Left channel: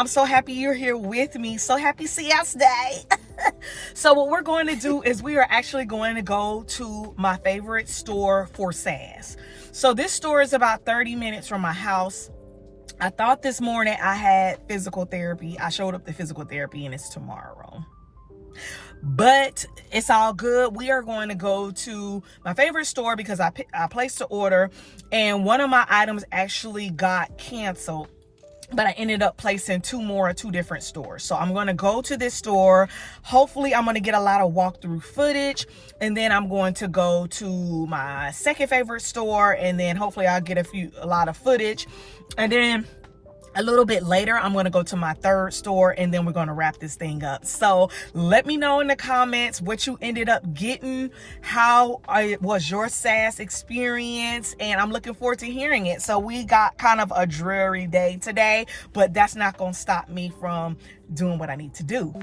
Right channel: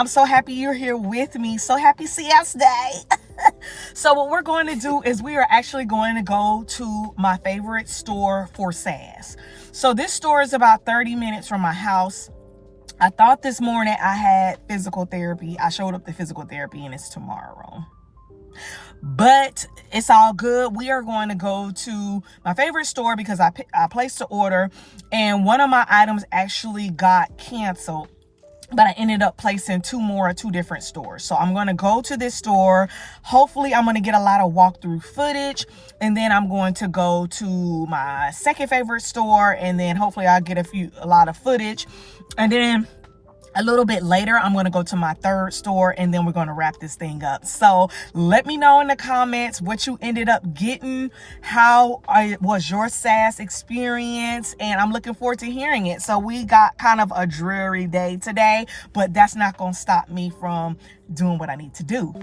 I'm so happy you're here with me. So happy CS Day. So what we're going to do is we are actually going to go to my favorite store for SAS. So this store is about 30 minutes from my house. I thought this morning I had physical therapy. I showed up to physical therapy and it's tomorrow. But it's all good. We are going to go to my favorite store because I placed the order and one of my items actually got canceled. But I ended up placing two more at two different stores. So I'm going to go to this store. Hopefully I'm going to get a lot of walkthrough footage. And then I'm going to go to my second favorite store. And then hopefully I'll get a lot of footage. And then a little bit later, I'm going to go to my third store and then we're going to wrap this thing up. So let me know in the comments what you ended up getting. How was your SAS experience? And I'm looking forward to hearing it. So we got kind of a dreary day today, but that's not going to stop me from doing what I need to do.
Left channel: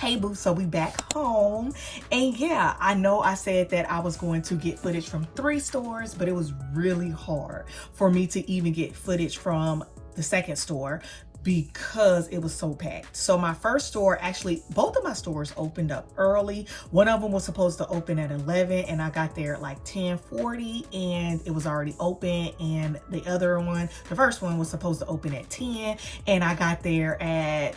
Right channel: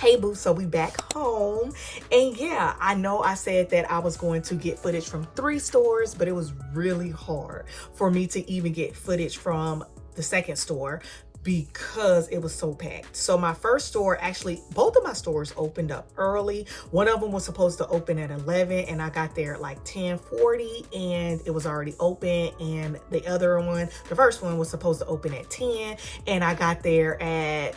Hey boo, so we back home, and yeah, I know I said that I was going to get footage from 3 stores, but it was really hard for me to even get footage from the second store. because it was so packed. So my first store, actually both of my stores opened up early. One of them was supposed to open at 11 and I got there at like 10:40 and it was already open. And the other one, the first one, was supposed to open at 10 and I got there at,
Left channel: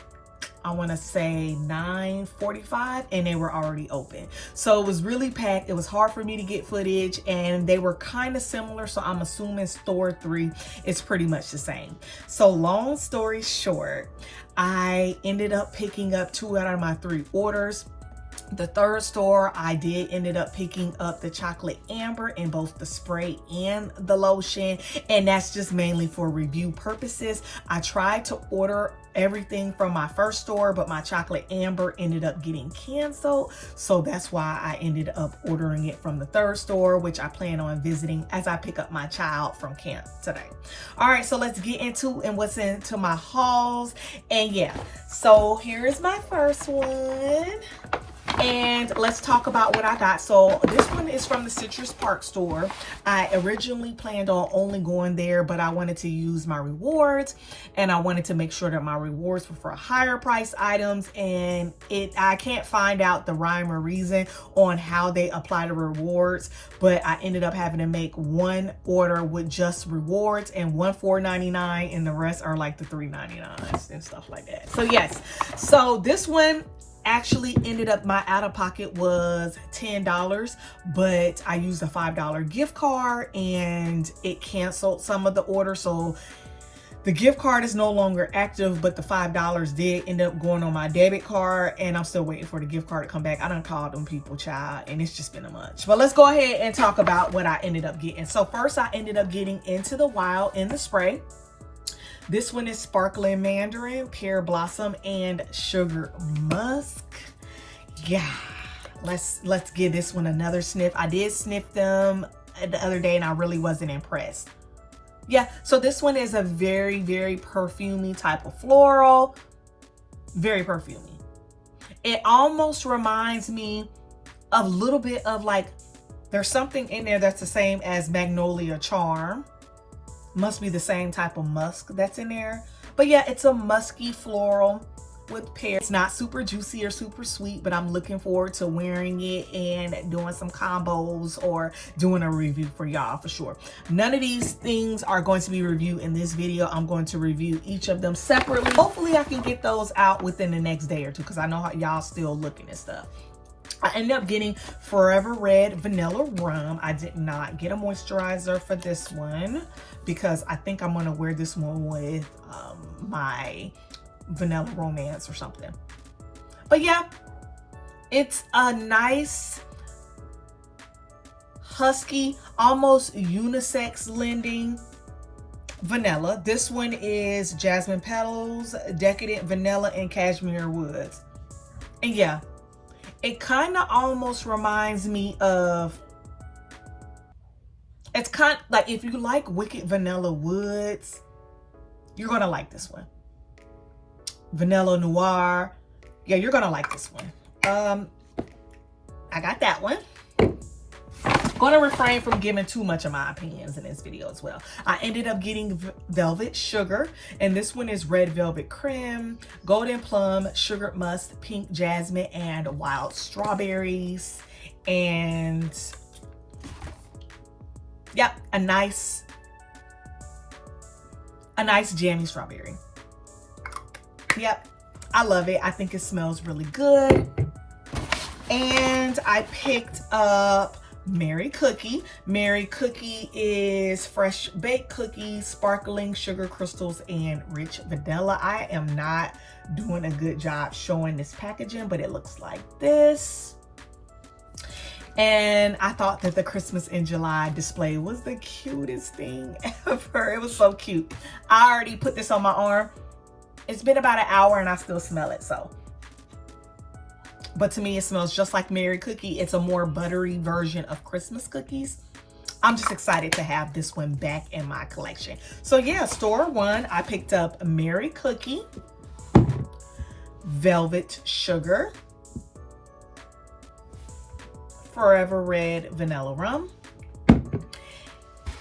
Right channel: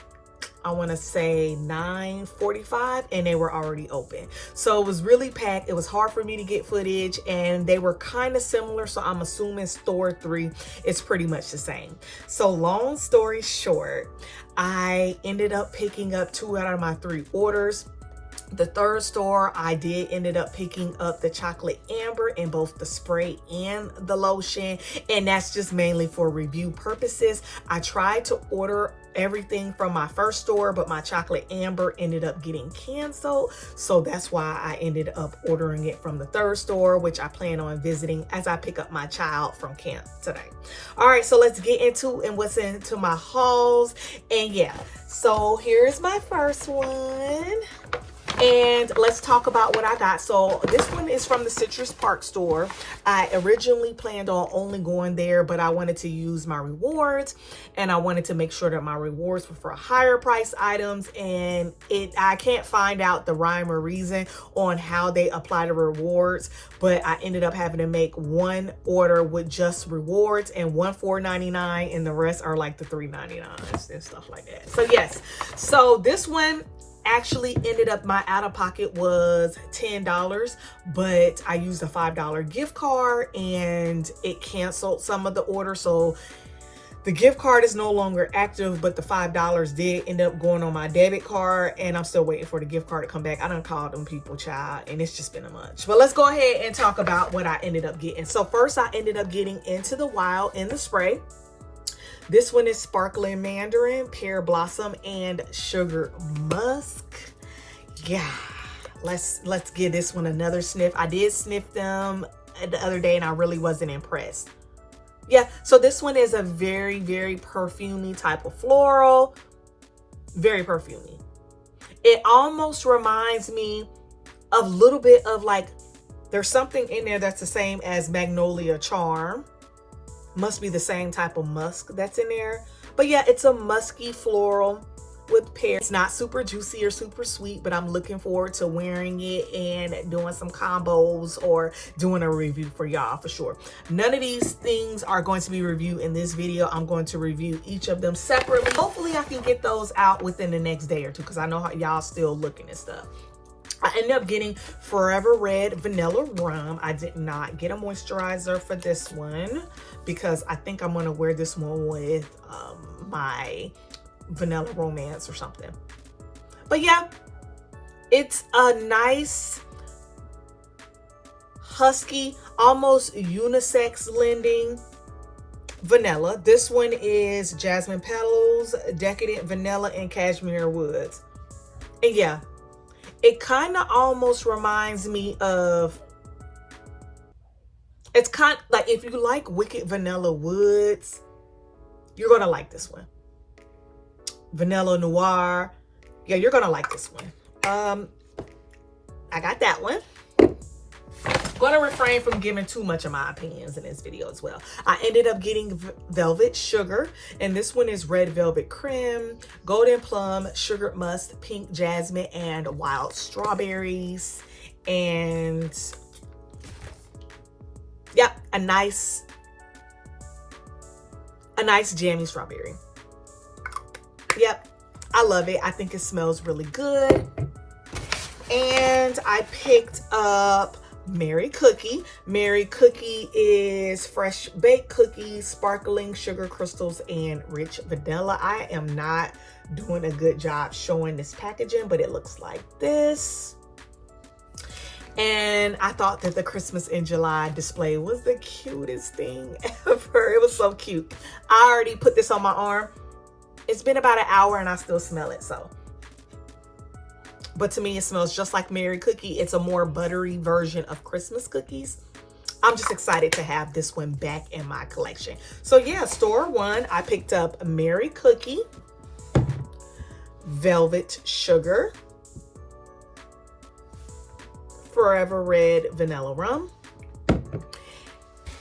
I want to say 9:45 and they were already open. So it was really packed. It was hard for me to get footage and they were kind of similar. So I'm assuming store 3 is pretty much the same. So long story short, I ended up picking up 2 out of my 3 orders. The third store, I ended up picking up the chocolate amber in both the spray and the lotion. And that's just mainly for review purposes. I tried to order everything from my first store, but my chocolate amber ended up getting canceled. So that's why I ended up ordering it from the third store, which I plan on visiting as I pick up my child from camp today. All right, so let's get into what's into my hauls. And yeah, so here's my first one. And let's talk about what I got. So this one is from the Citrus Park store. I originally planned on only going there, but I wanted to use my rewards and I wanted to make sure that my rewards were for higher price items. And I can't find out the rhyme or reason on how they apply the rewards, but I ended up having to make one order with just rewards and one $4.99 and the rest are like the $3.99 and stuff like that. So yes, so this one actually ended up, my out-of-pocket was $10, but I used a $5 gift card and it canceled some of the order. So the gift card is no longer active, but the $5 did end up going on my debit card and I'm still waiting for the gift card to come back. I done called them people, child, and it's just been a month. But let's go ahead and talk about what I ended up getting. So first I ended up getting Into the Wild in the spray. This one is Sparkling Mandarin, Pear Blossom, and Sugar Musk. Yeah, let's give this one another sniff. I did sniff them the other day and I really wasn't impressed. Yeah, so this one is a very, very perfumey type of floral. Very perfumey. It almost reminds me of a little bit of like, there's something in there that's the same as Magnolia Charm. Must be the same type of musk that's in there. But yeah, it's a musky floral with pear. It's not super juicy or super sweet, but I'm looking forward to wearing it and doing some combos or doing a review for y'all for sure. None of these things are going to be reviewed in this video. I'm going to review each of them separately. Hopefully I can get those out within the next day or two because I know how y'all still looking at stuff. I ended up getting Forever Red Vanilla Rum. I did not get a moisturizer for this one because I think I'm gonna wear this one with my Vanilla Romance or something. But yeah, it's a nice, husky, almost unisex lending vanilla. This one is Jasmine Petals, Decadent Vanilla, and Cashmere Woods. And yeah, it kind of almost reminds me of, it's kind of like if you like Wicked Vanilla Woods, you're going to like this one. Vanilla Noir. Yeah, you're going to like this one. I got that one. Going to refrain from giving too much of my opinions in this video as well. I ended up getting Velvet Sugar, and this one is Red Velvet Creme, Golden Plum, Sugar Musk, Pink Jasmine, and Wild Strawberries. And yeah, a nice jammy strawberry. Yep, I love it. I think it smells really good. And I picked up Mary Cookie. Mary Cookie is fresh baked cookies, sparkling sugar crystals, and rich vanilla. I am not doing a good job showing this packaging, but it looks like this. And I thought that the Christmas in July display was the cutest thing ever. It was so cute. I already put this on my arm. It's been about an hour and I still smell it, so. But to me, it smells just like Mary Cookie. It's a more buttery version of Christmas cookies. I'm just excited to have this one back in my collection. So yeah, store one, I picked up Mary Cookie, Velvet Sugar, Forever Red Vanilla Rum,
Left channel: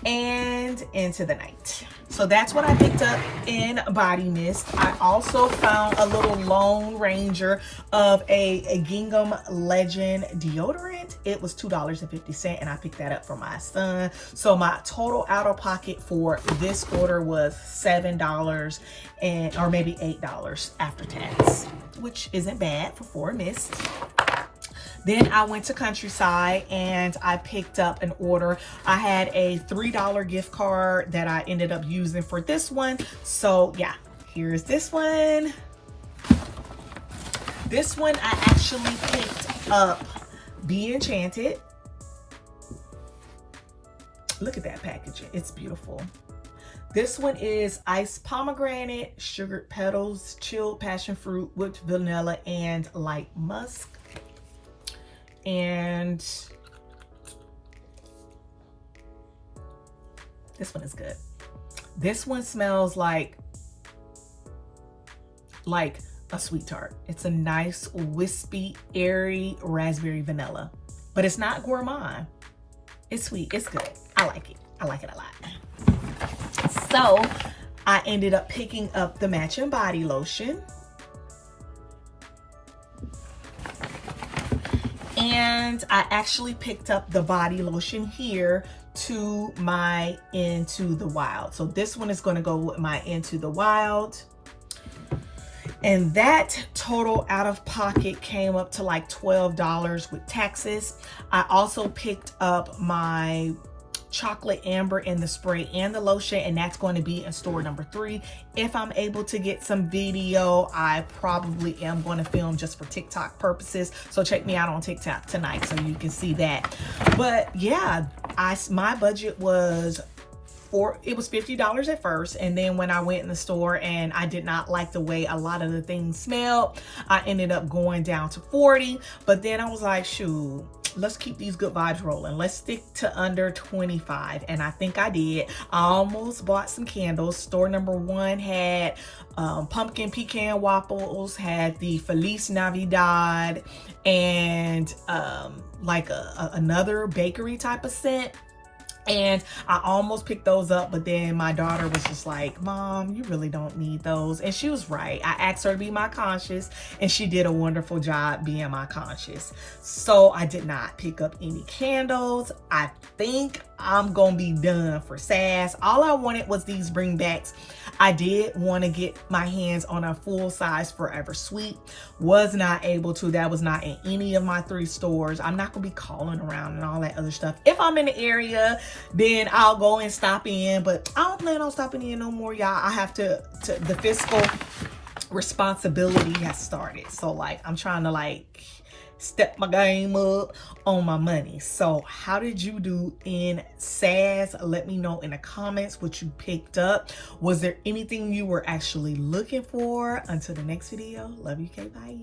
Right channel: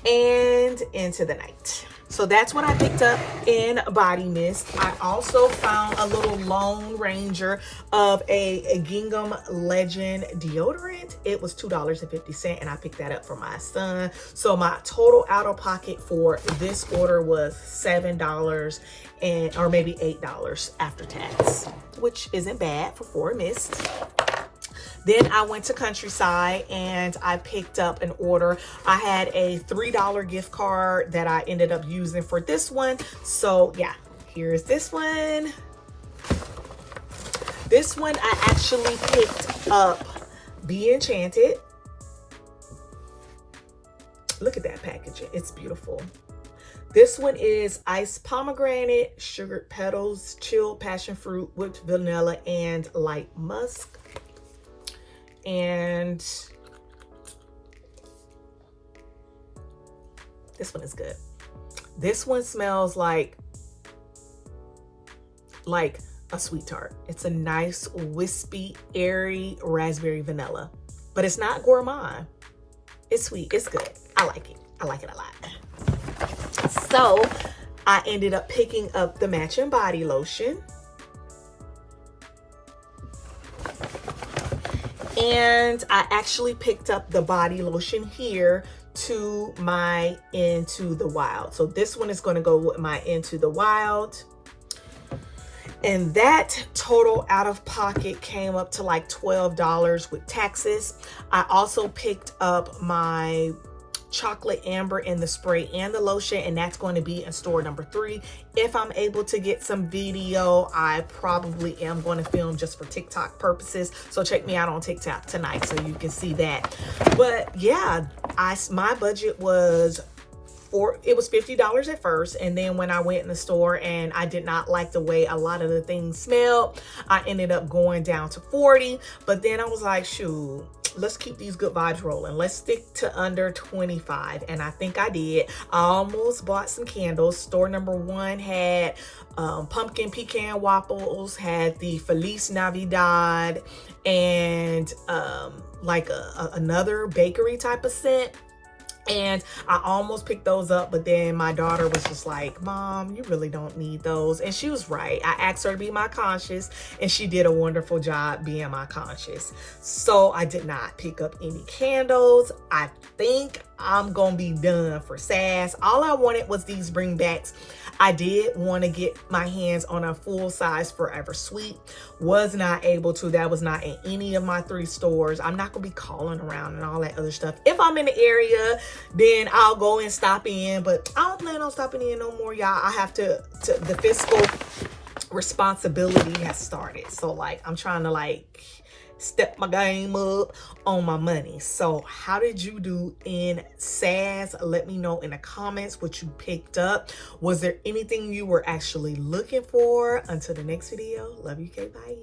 and Into the Night. So that's what I picked up in body mist. I also found a little Lone Ranger of a Gingham Legend deodorant. It was $2.50 and I picked that up for my son. So my total out of pocket for this order was $7 or maybe $8 after tax, which isn't bad for 4 mists. Then I went to Countryside and I picked up an order. I had a $3 gift card that I ended up using for this one. So yeah, here's this one. This one I actually picked up Be Enchanted. Look at that packaging, it's beautiful. This one is iced pomegranate, sugared petals, chilled passion fruit, whipped vanilla, and light musk. And this one is good. This one smells like a sweet tart. It's a nice wispy, airy raspberry vanilla, but it's not gourmand. It's sweet, it's good. I like it. I like it a lot. So I ended up picking up the matching body lotion. And I actually picked up the body lotion here to my Into the Wild. So this one is going to go with my Into the Wild. And that total out of pocket came up to like $12 with taxes. I also picked up my chocolate amber in the spray and the lotion, and that's going to be in store number 3. If I'm able to get some video, I probably am going to film just for TikTok purposes, so check me out on TikTok tonight so you can see that. But yeah, my budget was it was $50 at first, and then when I went in the store and I did not like the way a lot of the things smelled, I ended up going down to $40. But then I was like, shoot, let's keep these good vibes rolling. Let's stick to under $25. And I think I did. I almost bought some candles. Store number 1 had pumpkin pecan waffles, had the Feliz Navidad, and like another bakery type of scent. And I almost picked those up, but then my daughter was just like, Mom, you really don't need those. And she was right. I asked her to be my conscience, and she did a wonderful job being my conscience. So I did not pick up any candles. I think I'm gonna be done for SAS. All I wanted was these bringbacks. I did want to get my hands on a full-size Forever Sweet. Was not able to. That was not in any of my 3 stores. I'm not gonna be calling around and all that other stuff. If I'm in the area, then I'll go and stop in, but I don't plan on stopping in no more, y'all. I have to the fiscal responsibility has started. So like, I'm trying to like step my game up on my money. So how did you do in SAS? Let me know in the comments what you picked up. Was there anything you were actually looking for? Until the next video, love you, K, bye.